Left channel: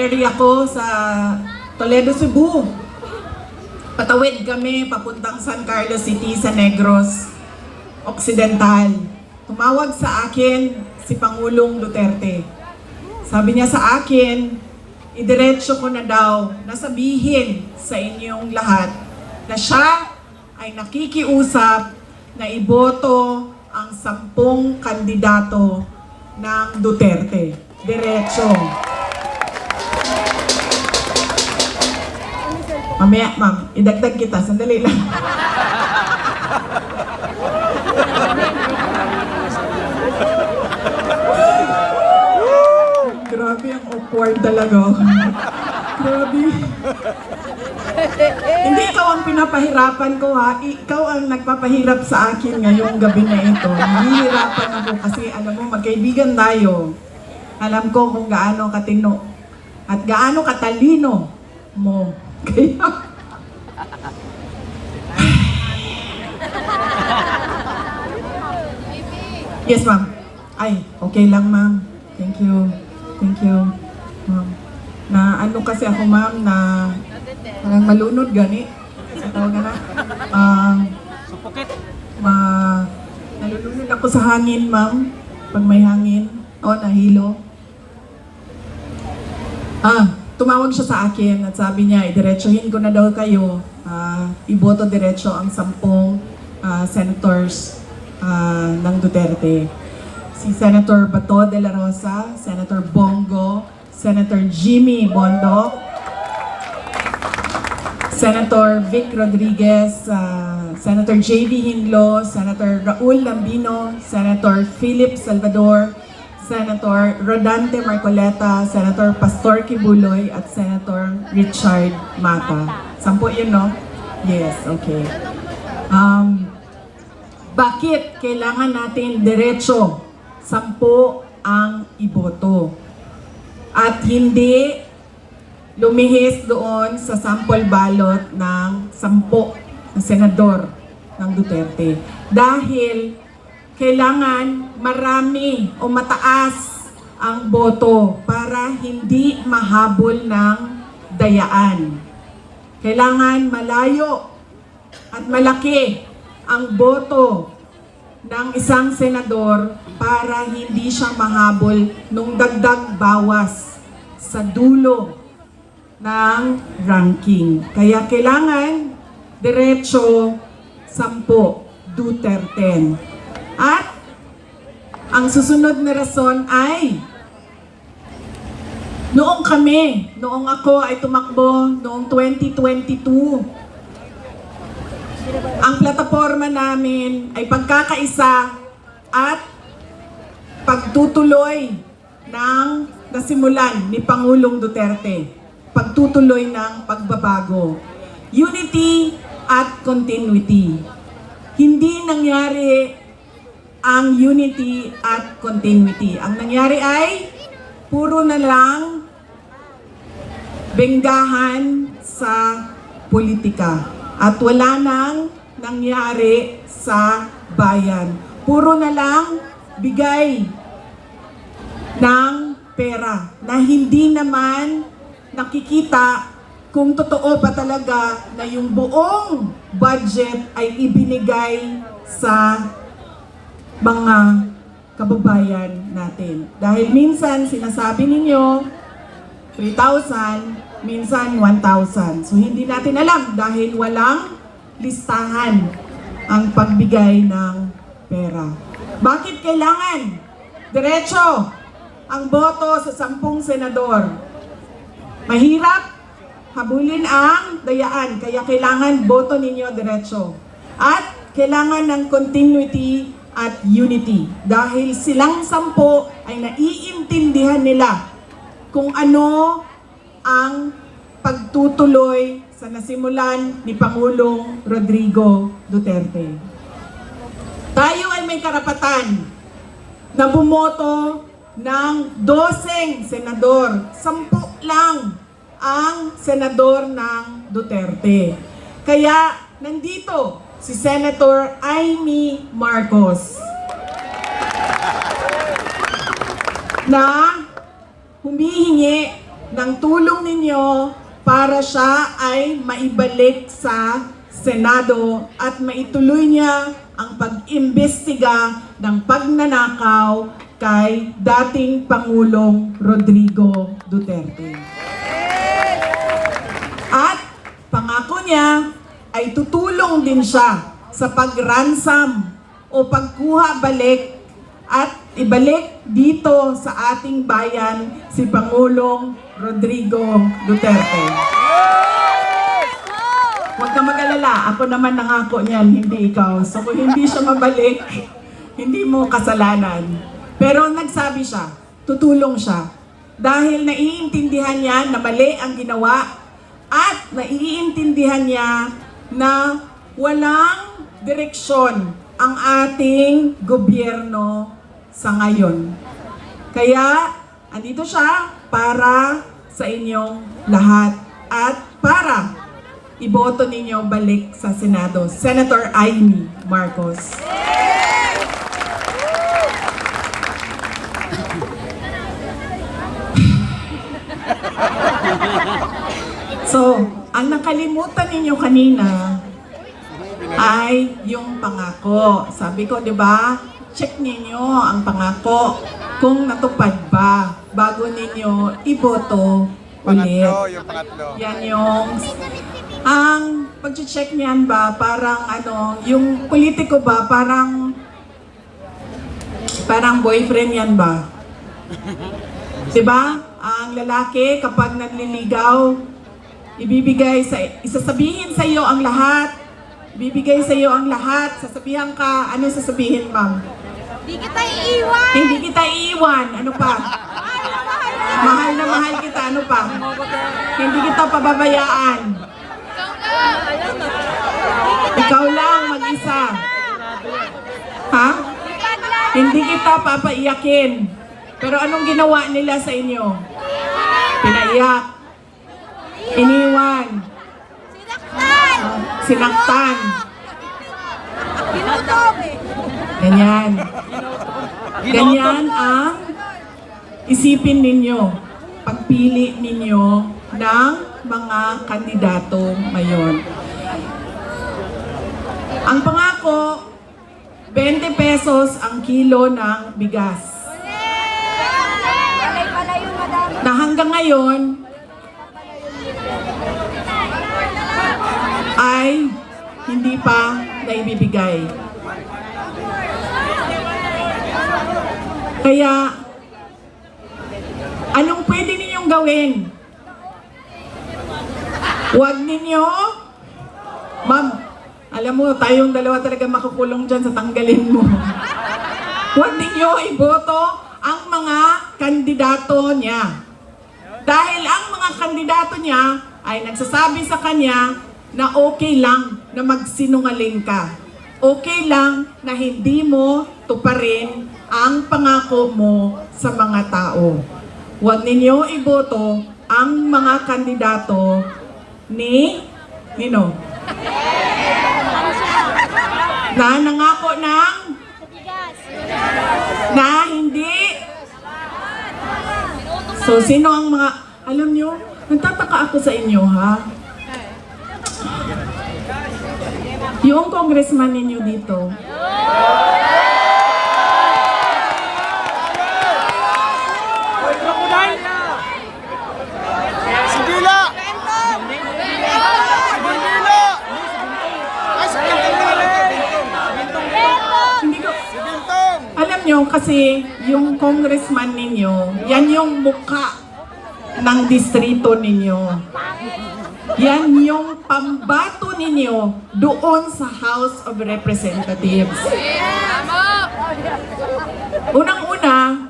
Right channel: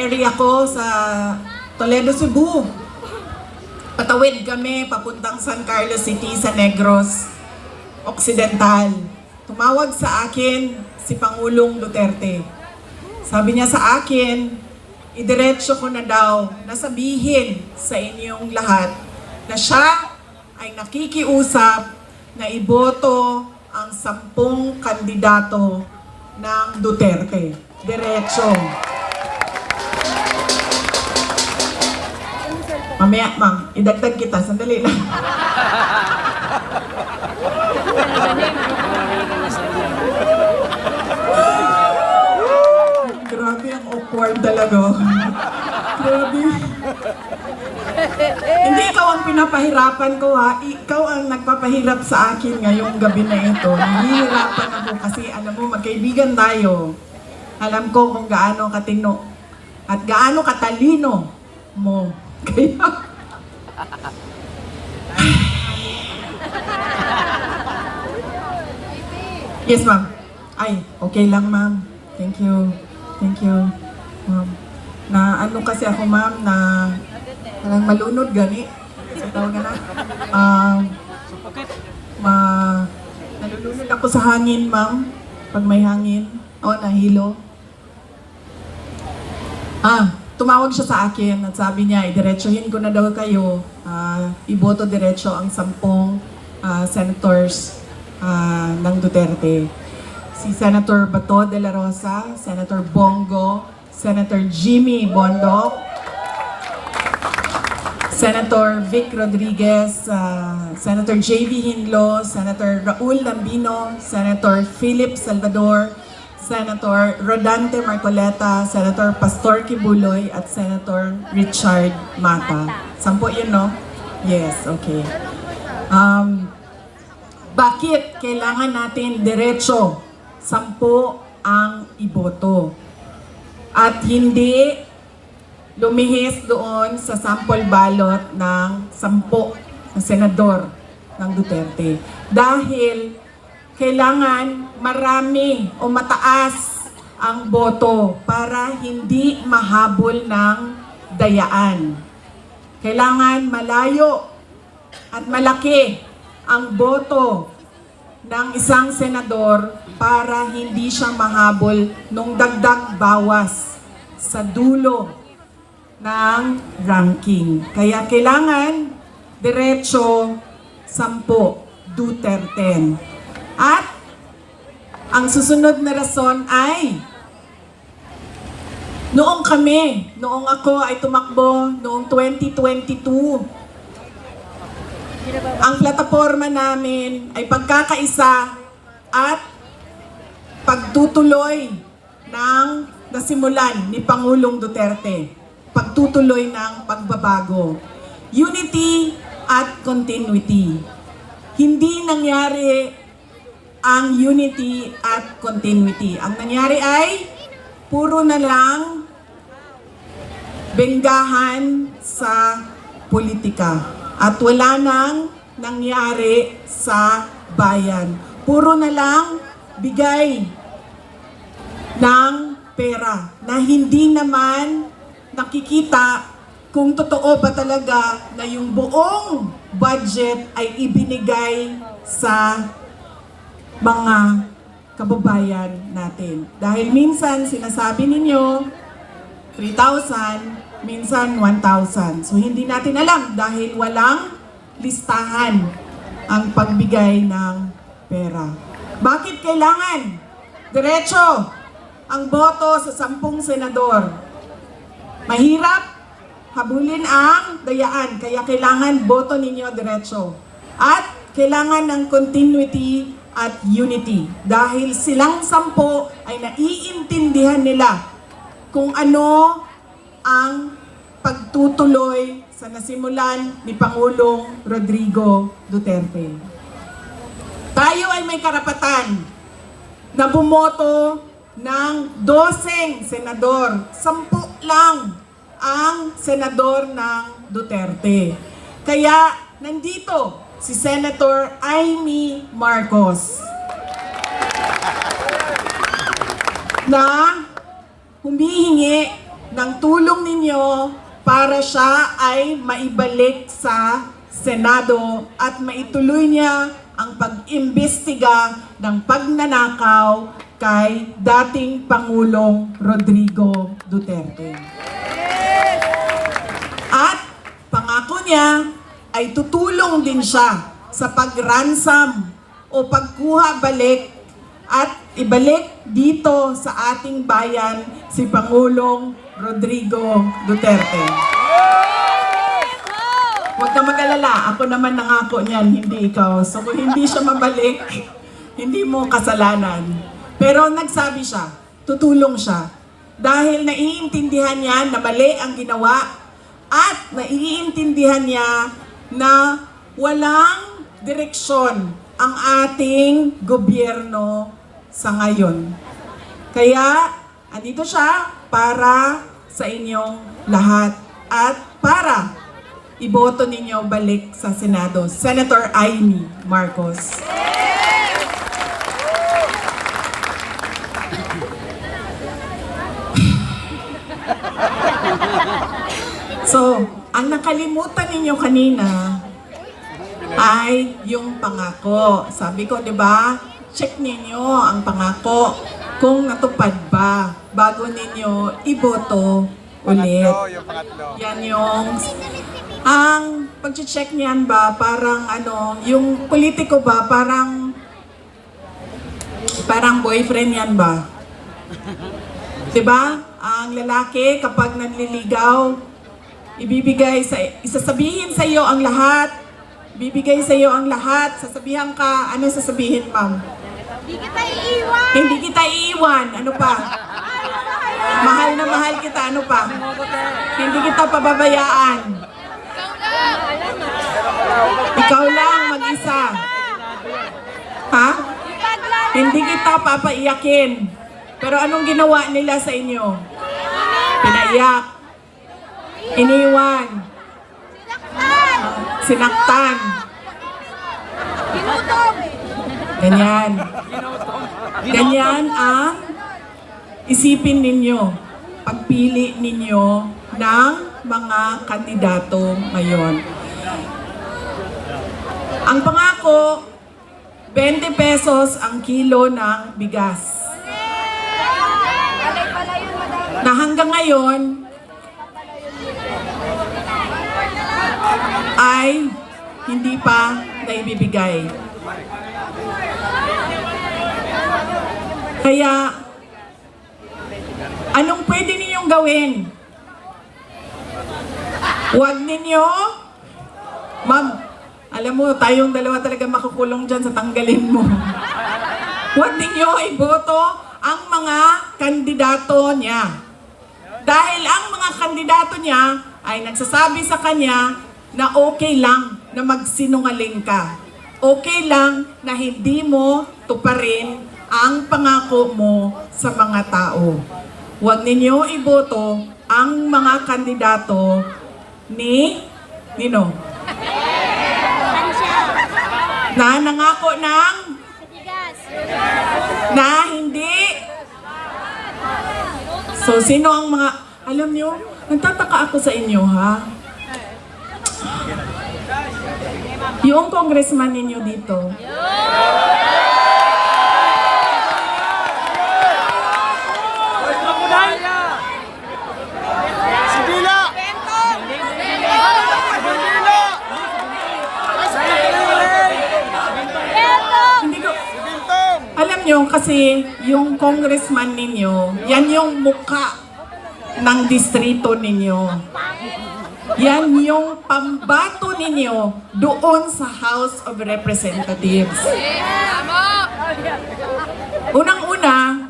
area ko sa Toledo, Cebu. Patawid kami papuntang San Carlos City sa Negros Occidental. Tumawag sa akin si Pangulong Duterte. Sabi niya sa akin, idiretso ko na daw na sabihin sa inyong lahat na siya ay nakikiusap na iboto ang 10 kandidato ng Duterte. Diretso. Mamaya, ma'am, idagdag kita. Sandali lang. Grabe, ang awkward talaga. Grabe. Hindi ikaw ang pinapahirapan ko, ha? Ikaw ang nagpapahirap sa akin ngayong gabi na ito. Nahihirapan ako kasi alam mo, magkaibigan tayo. Alam ko kung gaano katino at gaano katalino mo. Kaya... Yes, ma'am. Ay, okay lang, ma'am. Thank you. Thank you. Na ano kasi ako, ma'am, na parang malunod gani. Nalulunod ako sa hangin, ma'am. Pag may hangin. Nahilo. Tumawag siya sa akin at sabi niya, idiretsuhin ko na daw kayo. Iboto diretso ang 10 senators ng Duterte. Si Senator Bato de la Rosa, Senator Bongo, Senator Jimmy Bondoc, Senator Vic Rodriguez, Senator J.B. Hinlo, Senator Raul Lambino, Senator Philip Salvador, Senator Rodante Marcoleta, Senator Pastor Kibuloy, at Senator Richard Mata. 10 yun, no? Yes, okay. Bakit kailangan natin diretso 10 ang iboto? At hindi lumihis doon sa sample ballot ng 10 na senador ng Duterte. Dahil kailangan marami o mataas ang boto para hindi mahabol ng dayaan. Kailangan malayo at malaki ang boto ng isang senador para hindi siya mahabol nung dagdag bawas sa dulo ng ranking. Kaya kailangan diretso 10 Duterte. At ang susunod na rason ay noong ako ay tumakbo noong 2022, ang plataforma namin ay pagkakaisa at pagtutuloy ng nasimulan ni Pangulong Duterte. Pagtutuloy ng pagbabago. Unity at continuity. Hindi nangyari ang unity at continuity. Ang nangyari ay puro na lang benggahan sa politika at wala nang nangyari sa bayan. Puro na lang bigay ng pera na hindi naman nakikita kung totoo ba talaga na yung buong budget ay ibinigay sa mga kababayan natin. Dahil minsan sinasabi ninyo 3,000, minsan 1,000. So hindi natin alam dahil walang listahan ang pagbigay ng pera. Bakit kailangan diretso ang boto sa 10 senador? Mahirap habulin ang dayaan, kaya kailangan boto ninyo diretso. At kailangan ng continuity at unity. Dahil silang 10 ay naiintindihan nila kung ano ang pagtutuloy sa nasimulan ni Pangulong Rodrigo Duterte. Tayo ay may karapatan na bumoto ng 12 senador. 10 lang ang senador ng Duterte. Kaya nandito si Senator Amy Marcos na humihingi ng tulong ninyo para siya ay maibalik sa Senado at maituloy niya ang pag-imbestiga ng pagnanakaw kay dating Pangulong Rodrigo Duterte. At pangako niya ay tutulong din siya sa pag-ransom o pagkuha balik at ibalik dito sa ating bayan si Pangulong Rodrigo Duterte. Huwag ka mag-alala, ako naman nangako niyan, hindi ikaw. So kung hindi siya mabalik, hindi mo kasalanan. Pero nagsabi siya, tutulong siya. Dahil naiintindihan niya na mali ang ginawa at naiintindihan niya na walang direksyon ang ating gobyerno sa ngayon. Kaya, andito siya para sa inyong lahat at para iboto ninyo balik sa Senado. Senator Amy Marcos. So, ang nakalimutan ninyo kanina ay yung pangako. Sabi ko, di ba? Check ninyo ang pangako kung natupad ba bago ninyo iboto ulit. Yung pangatlo. Yan yung ang pag-check niyan ba parang ano, yung politiko ba parang boyfriend yan ba? 'Di ba? Ang lalaki kapag nanliligaw, isasabihin sa iyo ang lahat. Bibigay sa iyo ang lahat. Sasabihan ka, ano sasabihin, ma'am? Hindi kita iiwan! Hindi kita iiwan. Ano pa? Mahal na mahal kita. Ano pa? Hindi kita pababayaan. Ikaw lang mag-isa. Ha? Hindi kita papaiyakin. Pero anong ginawa nila sa inyo? Pinaiyak. Iniwan. Sinaktan. Pinutom! Ganyan. Ganyan ang isipin ninyo. Pagpili ninyo ng mga kandidato ngayon. Ang pangako, 20 pesos ang kilo ng bigas. Alay pala yun, madam. Na hanggang ngayon ay hindi pa naibibigay. Kaya, anong pwede ninyong gawin? Huwag ninyo, ma'am, alam mo, tayong dalawa talaga makukulong dyan sa tanggalin mo. Huwag ninyo iboto ang mga kandidato niya. Dahil ang mga kandidato niya ay nagsasabi sa kanya na okay lang na magsinungaling ka. Okay lang na hindi mo tuparin ang pangako mo sa mga tao. Huwag ninyo iboto ang mga kandidato ni Nino. Na nangako ng na hindi. So, sino ang mga, alam nyo, nagtataka ako sa inyo, ha? Yung congressman ninyo dito, Sibila! hindi ko, Bintong! alam nyo, kasi yung congressman ninyo, yan yung mukha ng distrito ninyo. Yan yung pambato ninyo doon sa House of Representatives. Unang-una,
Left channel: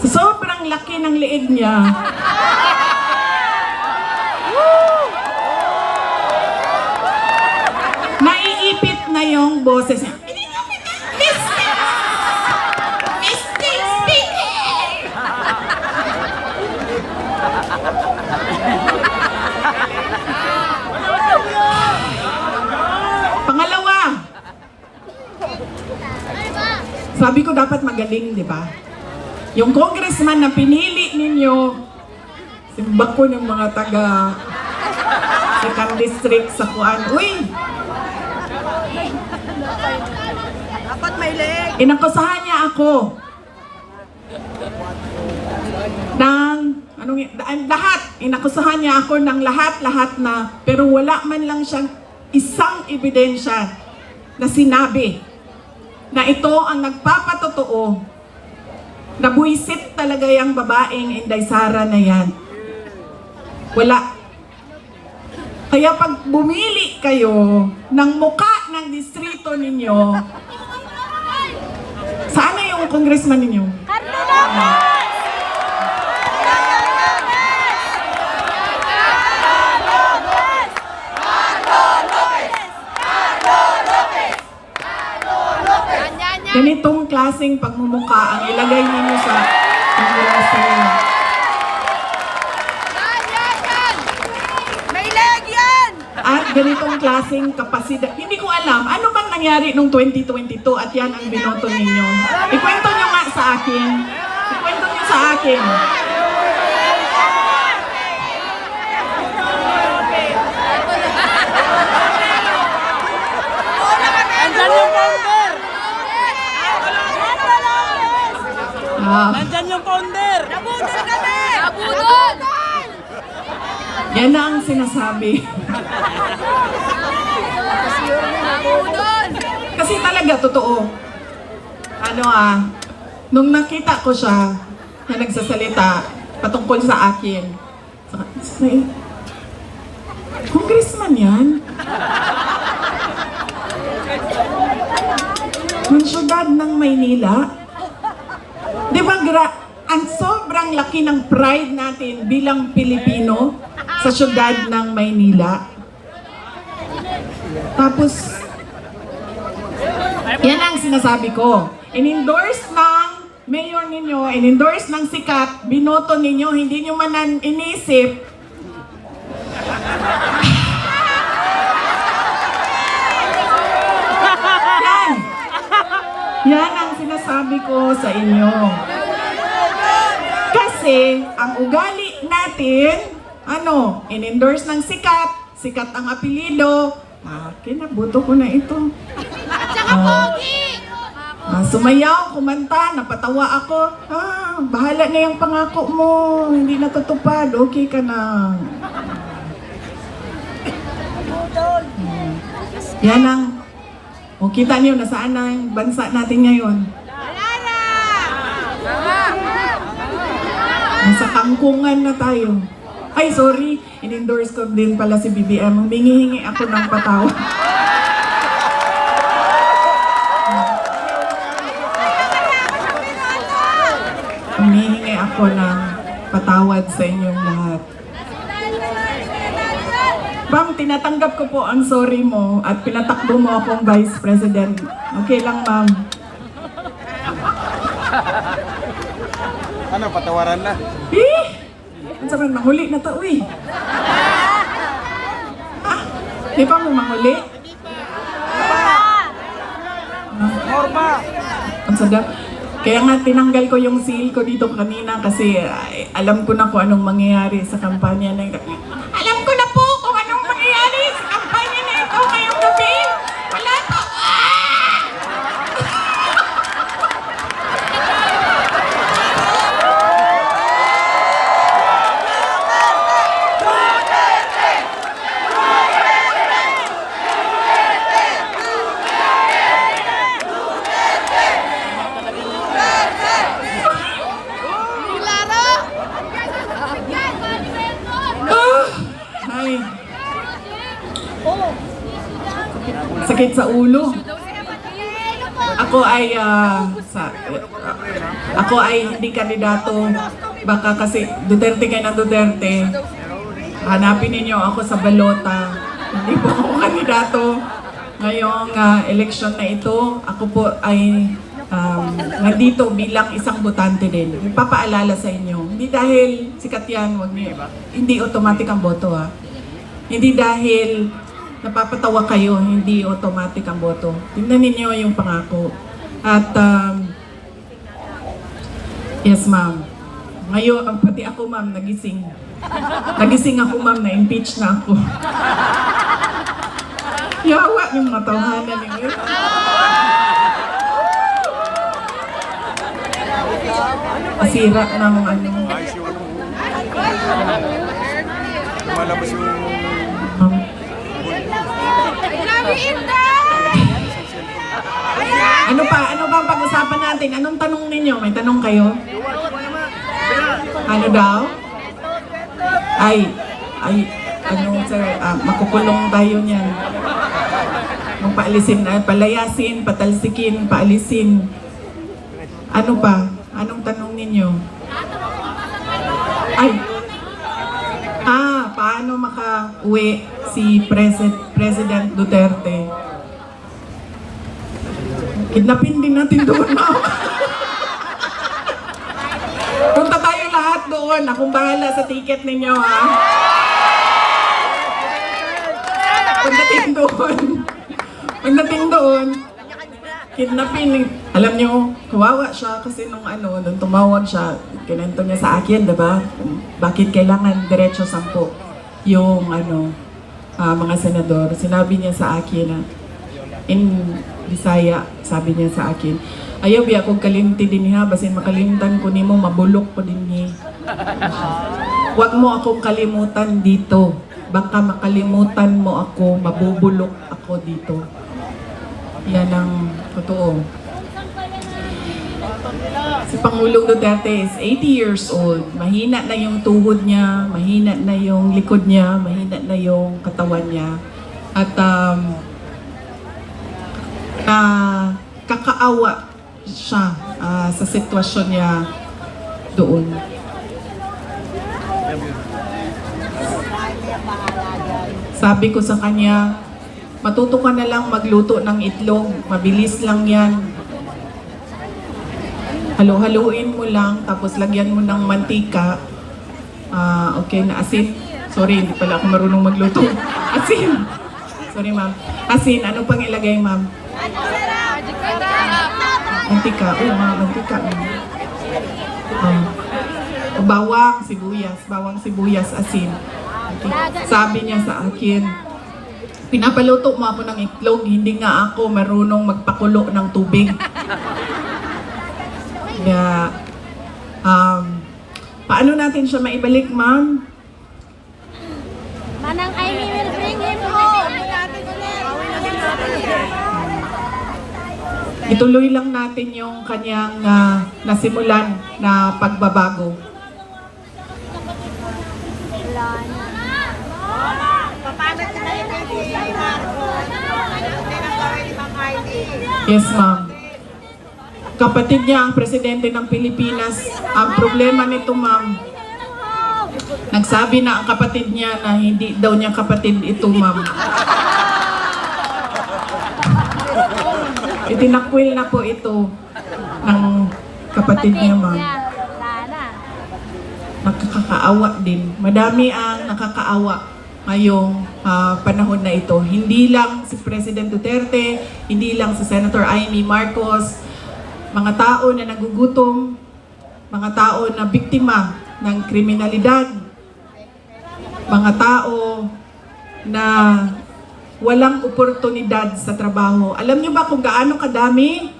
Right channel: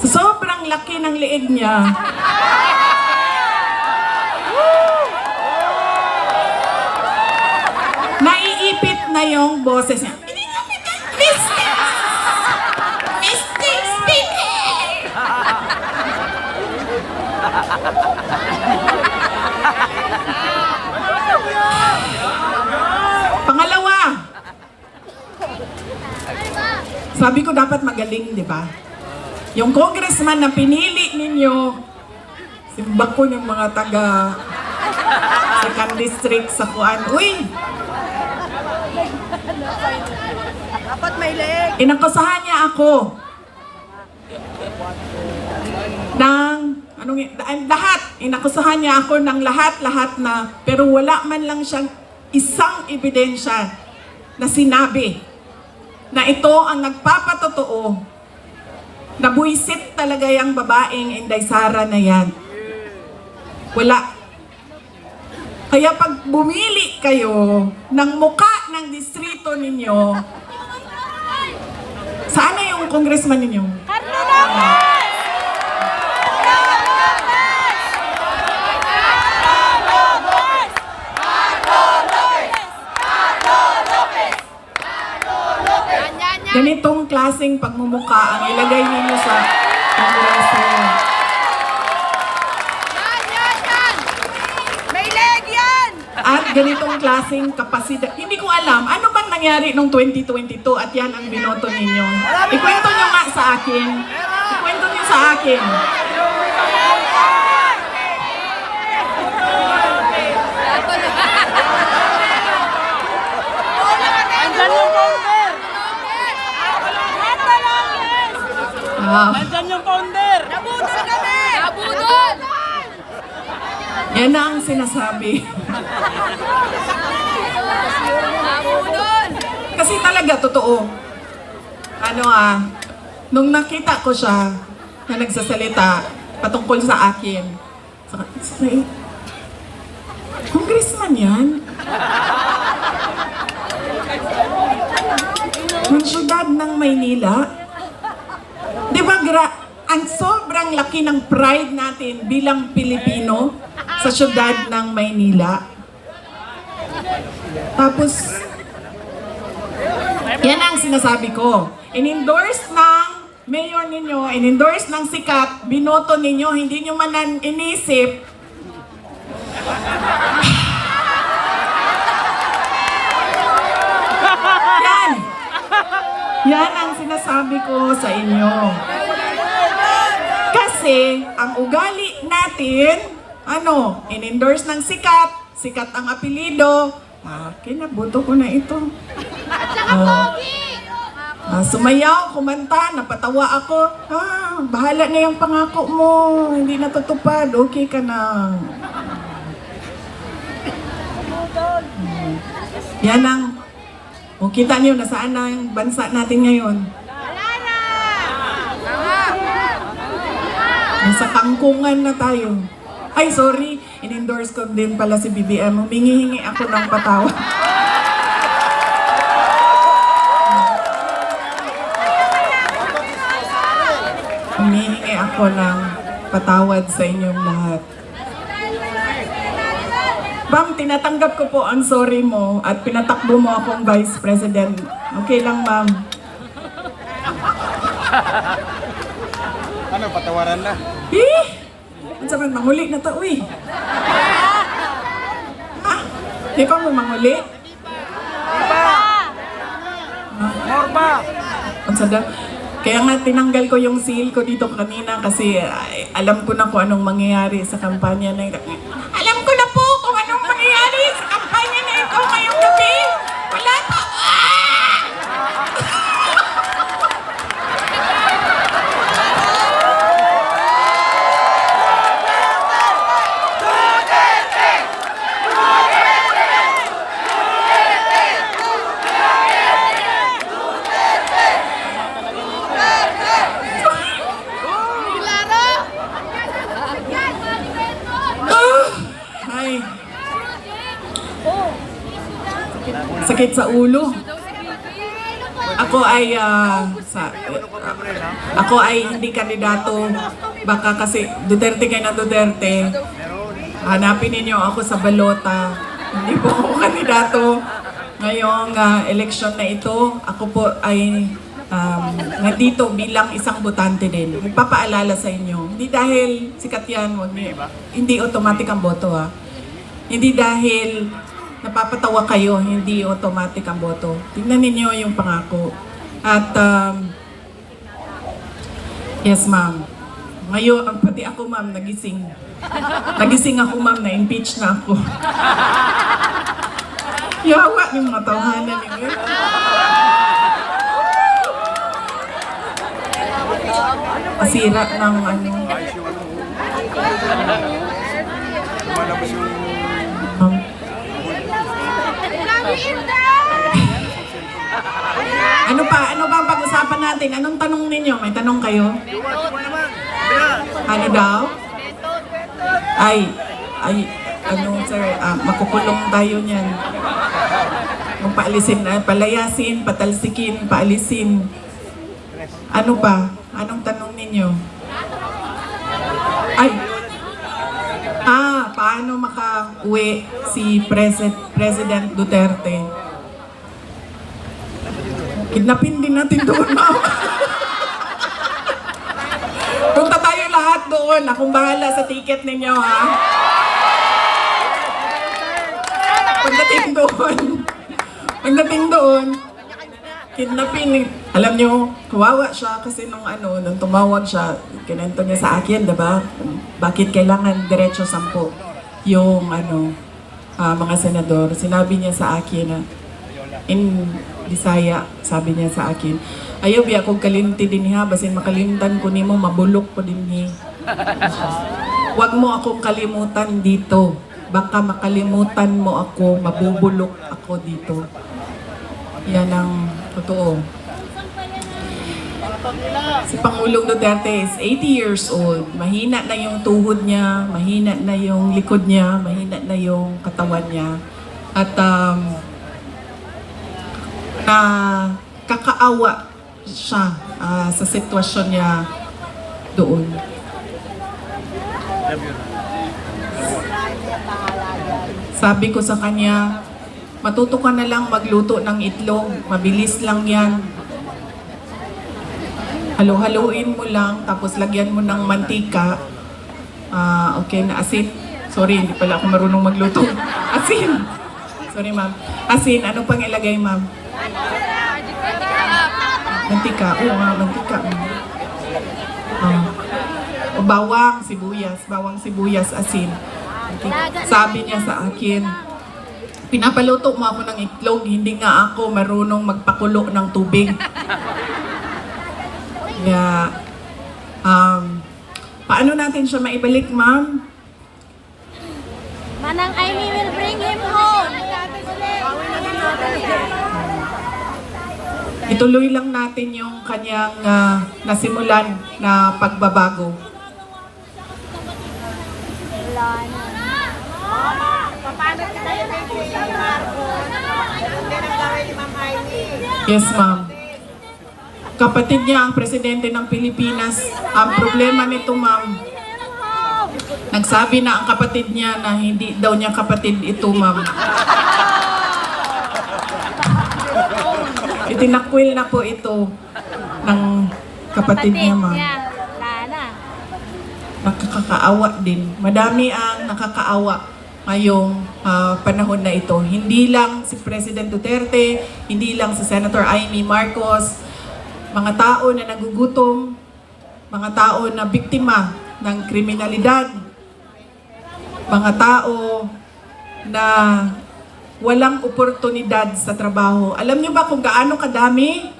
sa sobrang laki ng liig niya, naiipit na yung boses niya. Mr. Speaker! Pangalawa, sabi ko dapat magaling, di ba? Yung congressman na pinili ninyo Imbak ko ng mga taga second district sa Kuan. Uy! Dapat may leg. Inakusahan niya ako ng lahat. Inakusahan niya ako ng lahat na, pero wala man lang siyang isang ebidensya na sinabi na ito ang nagpapatotoo na buwisit talaga yung babaeng Inday Sara na yan. Wala. Kaya pag bumili kayo ng muka ng distrito ninyo, saan na yung congressman ninyo? Ganitong klaseng pagmumuka ang ilagay ninyo sa kongresa. Yan! May leg yan! At ganitong klaseng kapasidad. Hindi ko alam, ano bang nangyari noong 2022 at yan ang binoto ninyo? Ikwento nyo nga sa akin. Ikwento nyo sa akin. Nandyan yung founder! Nabudol kami! Nabudol! Yan na ang sinasabi. Nabudol! Kasi talaga, totoo. Nung nakita ko siya na nagsasalita patungkol sa akin, congressman yan? Yung syudad ng Maynila? Di ba ang sobrang laki ng pride natin bilang Pilipino sa syudad ng Maynila? Tapos, yan ang sinasabi ko. In-endorse ng mayor ninyo, in-endorse ng sikat, binoto ninyo, hindi nyo man inisip. Yan! Yan ang sinasabi ko sa inyo. Kasi, ang ugali natin, in-endorse ng sikat, sikat ang apelido, kinabuto ko na ito. Sumayaw, kumanta, napatawa ako. Bahala na yung pangako mo, hindi natutupad, okay ka na. Yan ang, kita niyo, nasaan na yung bansa natin ngayon? Nasa kangkungan na tayo. Ay, sorry, in-endorse ko din pala si BBM. Humingi-hingi ako ng patawad. Humingi ako ng patawad sa inyong lahat. Bang, tinatanggap ko po ang sorry mo at pinatakbo mo akong Vice President. Okay lang, ma'am. Ano, patawaran na? Ang sabi, manghuli na to, uy. Di pa mo manghuli? Morba! Ang sabi, kaya nga tinanggal ko yung seal ko dito kanina kasi alam ko na kung anong mangyayari sa kampanya na ito. Alam ko na po kung anong mangyayari sa kampanya na ito ngayong gabi. Wala pa. Ay, sakit sa ulo. Ako ay hindi kandidato. Baka kasi Duterte kayo na Duterte. Hanapin ninyo ako sa balota. Hindi po ako kandidato ngayong eleksyon na ito. Ako po ay nandito bilang isang botante din. Magpapaalala sa inyo. Hindi dahil sikat yan, hindi automatic ang boto ha. Hindi dahil napapatawa kayo, hindi automatic ang boto. Tingnan ninyo yung pangako. At yes ma'am. Ngayon, pati ako ma'am, nagising. Nagising ako, ma'am, na-impeach na ako. Yawa yung mga tawhanan ninyo. Sira ng ano. Lumalabas yung... Ma'am. Ano ba ang pag-usapan natin? Anong tanong ninyo? May tanong kayo? Ano daw? Ay, ano sir, makukulong tayo niyan. Paalisin, palayasin, patalsikin, paalisin. Ano pa? Anong tanong ninyo? Ay, paano maka-uwi si President Duterte? Kidnapin din natin doon. Punta tayo lahat doon. Akong bahala sa ticket ninyo, ha? Pagdating doon. Pagdating doon. Kidnapin. Alam nyo, kawawa siya kasi nung tumawag siya, kinento niya sa akin, diba? Bakit kailangan diretso 10 yung mga senador. Sinabi niya sa akin na in Bisaya, sabi niya sa akin, ayaw biya kong kalimti din ha, basin makalimtan ko nimo mabulok ko din ni. Huwag mo akong kalimutan dito. Baka makalimutan mo ako, mabubulok ako dito. Yan ang totoo. Si Pangulong Duterte is 80 years old. Mahina na yung tuhod niya, mahina na yung likod niya, mahina na yung katawan niya. At kakaawa siya sa sitwasyon niya doon. Sabi ko sa kanya, matuto ka na lang magluto ng itlog. Mabilis lang yan. Halo-haluin mo lang, tapos lagyan mo ng mantika. Okay na asin. Sorry, hindi pala ako marunong magluto. Asin. Sorry, ma'am. Asin, ano pang ilagay, ma'am? Mantika. Mantika. Bawang sibuyas, asin. Sabi niya sa akin, pinapaluto mo ako ng itlog, hindi nga ako marunong magpakulo ng tubig. Kaya, paano natin siya maibalik, ma'am? Manang Aimee will bring him home. Ituloy lang natin yung kanyang nasimulan na pagbabago. Yes, ma'am. Kapatid niya ang presidente ng Pilipinas. Ang problema nito, ma'am, nagsabi na ang kapatid niya na hindi daw niya kapatid ito, ma'am. Itinakwil na po ito ng kapatid niya, ma'am. Nakakaawa din. Madami ang nakakaawa ngayong panahon na ito. Hindi lang si President Duterte, hindi lang si Senator Amy Marcos, mga tao na nagugutom, mga tao na biktima ng kriminalidad, mga tao na walang oportunidad sa trabaho. Alam niyo ba kung gaano kadami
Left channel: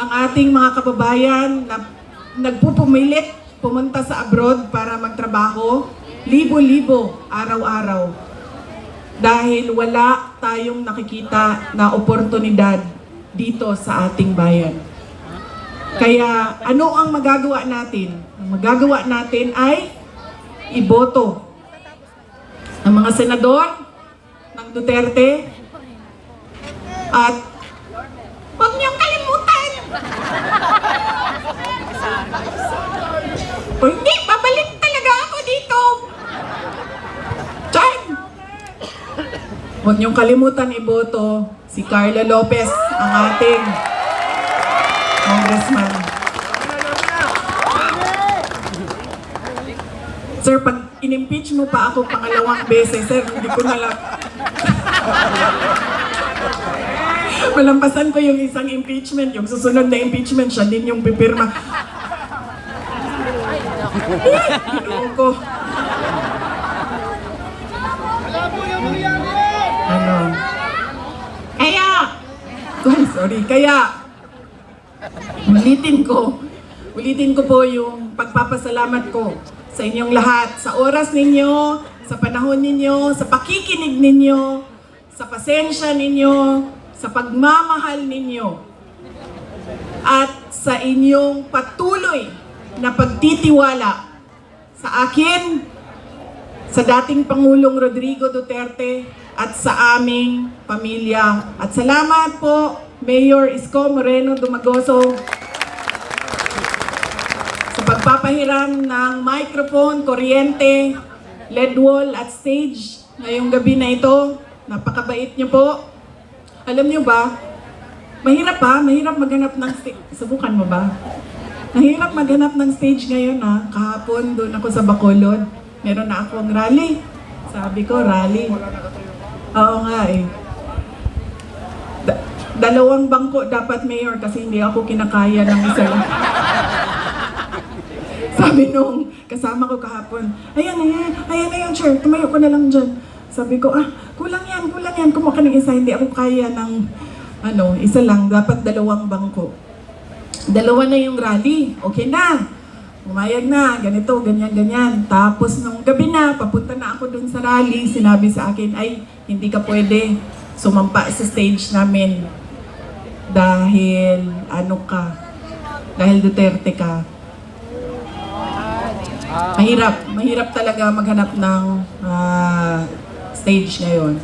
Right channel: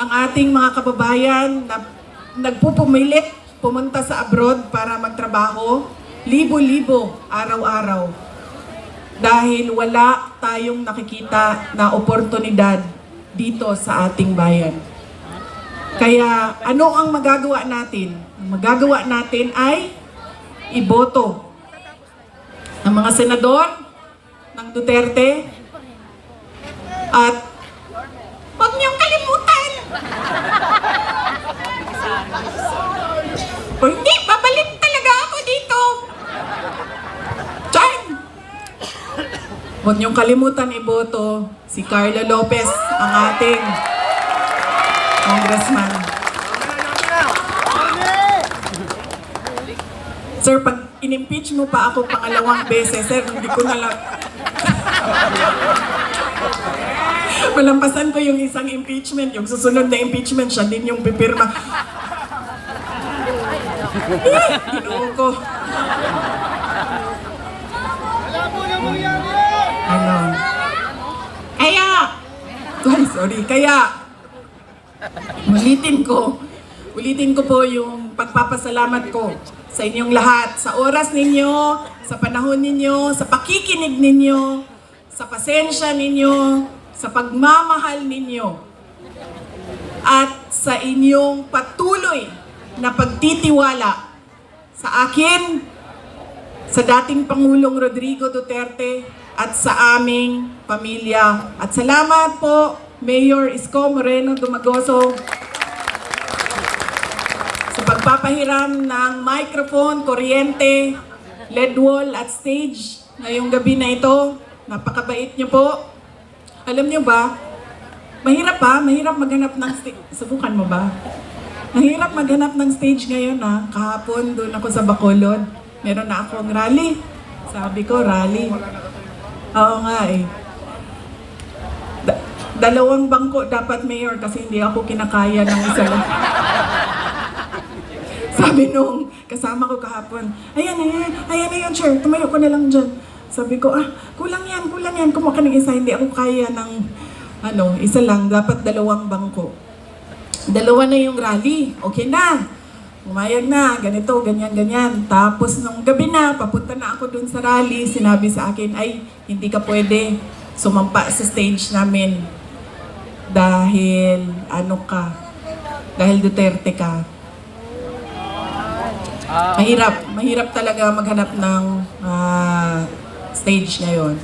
ang ating mga kababayan na nagpupumilit pumunta sa abroad para magtrabaho? Libo-libo araw-araw. Dahil wala tayong nakikita na oportunidad dito sa ating bayan. Kaya ano ang magagawa natin? Ang magagawa natin ay iboto ng mga senador ng Duterte at huwag niyong kalimutan. Hindi, babalik talaga ako dito. Diyan. Huwag niyong kalimutan iboto si Carla Lopez, ang ating congressman. Sir, pag in-impeach mo pa ako pangalawang beses, sir, hindi ko na lang... Malampasan ko yung isang impeachment, yung susunod na impeachment, siya din yung pipirma. Ginuo ko. Ano? Kaya, ulitin ko po yung pagpapasalamat ko sa inyong lahat, sa oras ninyo, sa panahon ninyo, sa pakikinig ninyo, sa pasensya ninyo, sa pagmamahal ninyo, at sa inyong patuloy na pagtitiwala sa akin, sa dating Pangulong Rodrigo Duterte, at sa aming pamilya. At salamat po, Mayor Isko Moreno Dumagoso, sa pagpapahiram ng microphone, kuryente, LED wall at stage ngayong gabi na ito. Napakabait niyo po. Alam niyo ba, mahirap maghanap ng stage. Subukan mo ba? Mahirap maghanap ng stage ngayon ha. Kahapon doon ako sa Bacolod. Meron na akong rally. Sabi ko, rally. Oo nga eh. Dalawang bangko dapat, Mayor, kasi hindi ako kinakaya ng isa lang. Sabi nung kasama ko kahapon, ayan na yung chair, tumayo ko na lang dyan. Sabi ko, kulang yan, kumuha ka ng isa, hindi ako kaya ng, isa lang, dapat dalawang bangko. Dalawa na yung rally, okay na. Umayag na, ganito, ganyan. Tapos nung gabi na, papunta na ako dun sa rally, sinabi sa akin, ay, hindi ka pwede sumampa sa stage namin. Dahil, dahil Duterte ka. Mahirap talaga maghanap ng stage ngayon.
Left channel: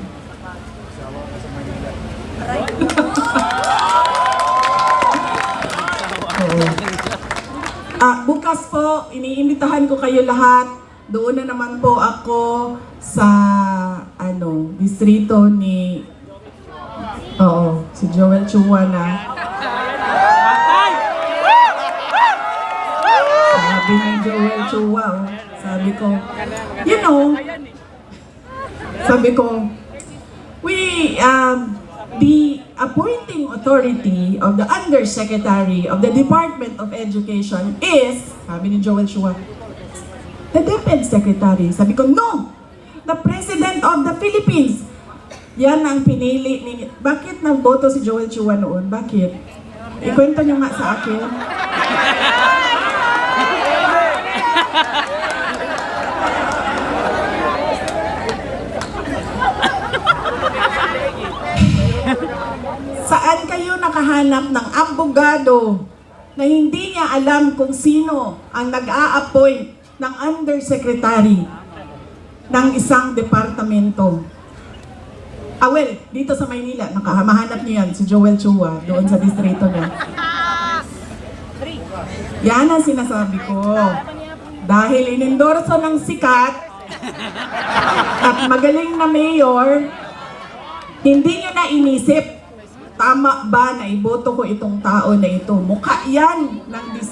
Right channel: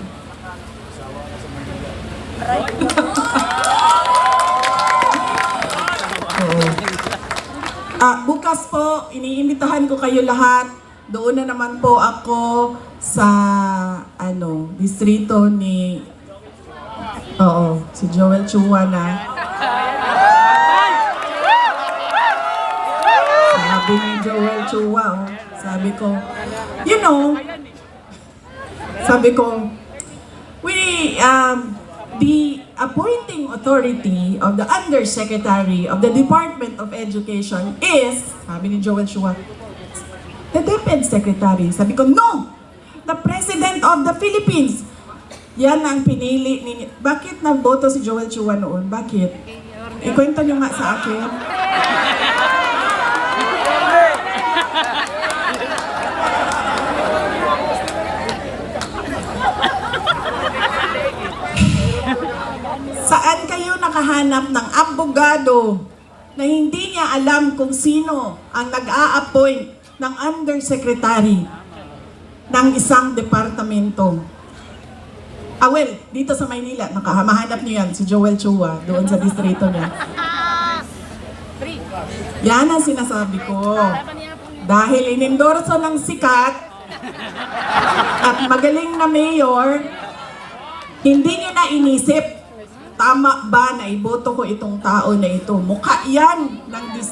Bukas po, iniimbitahan ko kayo lahat. Doon na naman po ako sa distrito ni si Joel Chua na. Sabi ni Joel Chua, sabi ko, the appointing authority of the Undersecretary of the Department of Education is, sabi ni Joel Chua, the DepEd Secretary. Sabi ko, no! The President of the Philippines. Yan ang pinili ninyo. Bakit nagboto si Joel Chua noon? Bakit? Ikwento niyo nga sa akin. Saan kayo nakahanap ng abogado na hindi niya alam kung sino ang nag-a-appoint ng undersecretary ng isang departamento? Dito sa Maynila, mahanap niyo yan, si Joel Chua, doon sa distrito niya. Yan ang sinasabi ko. Dahil inendorso ng sikat at magaling na mayor, hindi niyo na inisip, tama ba na iboto ko itong tao na ito? Mukha yan ng